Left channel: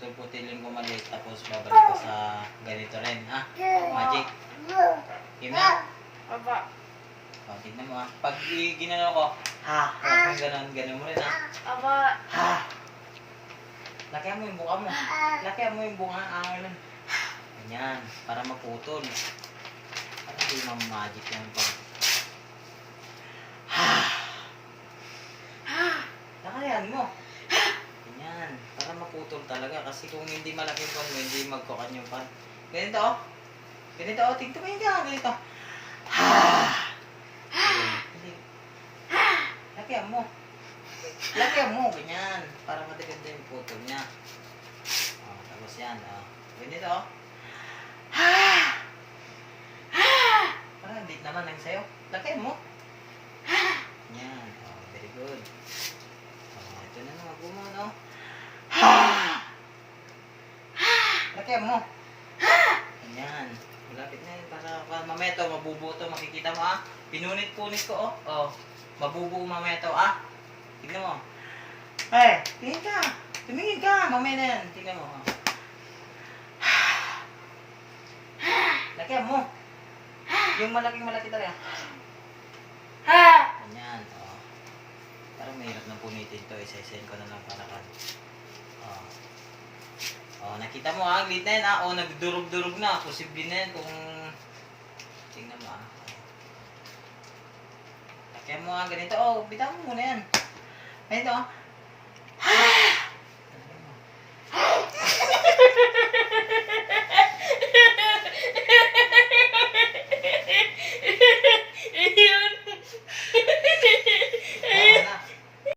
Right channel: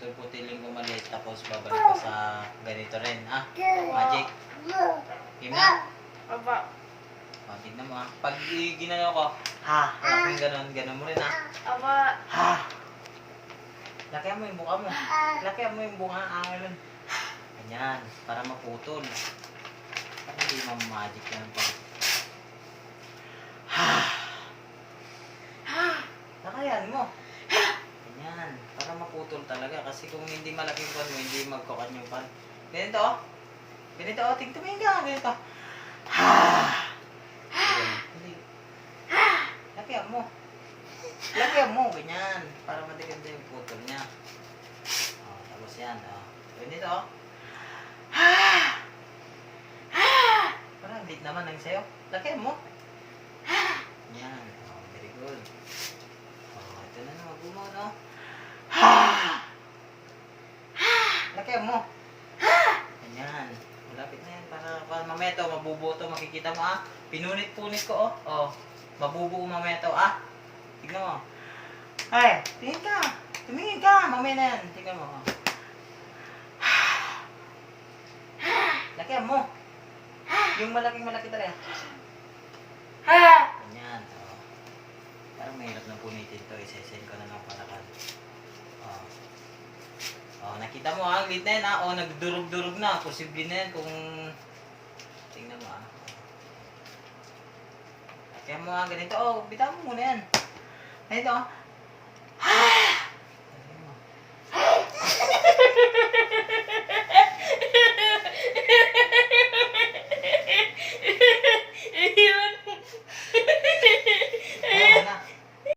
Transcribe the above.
puputol-putilin ko maliit tapos babalik ko sa ganito rin, ha? Magic. Game na? Aba. O, tignan mo, ha? Pag ginano ko, ha? Parang ganun mo rin, ha? Aba. Ha? Lakihan mo yung buka mo. Lakihan mo yung buka, angalan. Ganyan, para maputol. Para hindi magic yan pag... Ha? Lakayan mo. Ganyan, para maputol talaga. Kasi kung hindi malaki yung pan mo, hindi magkukan yung pan. Ganito, oh. Ganito, oh. Tingnan ka. Ganito. Ha! Hindi. Lakihan mo. Lakihan mo. Ganyan. Para matiganda yung putol niya. Oh, tapos yan, oh. Ganito, oh. Ha! Ha! Parang hindi naman ang sayo. Lakihan mo. Yan. Oh, very good. Oh, ito na naman. Bumo, no? Ha! Lakihan mo. Ganyan. Malapit na yun. Para mamaya to, mabubuto. Makikita mo, ah. Pinunit-punit ko, oh. Oh. Mabubuo mamaya to, ah. Tignan mo. Ay, tingin ka. Tumingin ka. Mamaya na yan. Tignan mo, oh. Lakihan mo. Yung malaki talaga. Ganyan, oh. Parang mahirap na punitin to. Isa-isayin ko na lang para kan. Oh. Oh, nakita mo, ang lit na yan, ah. Oh, nagdurog-durog na. Posible na yan kung... Tingnan mo, ah. Oh. Lakihan mo, ah. Ganito, oh. Bitawan mo muna yan. Ganito, oh.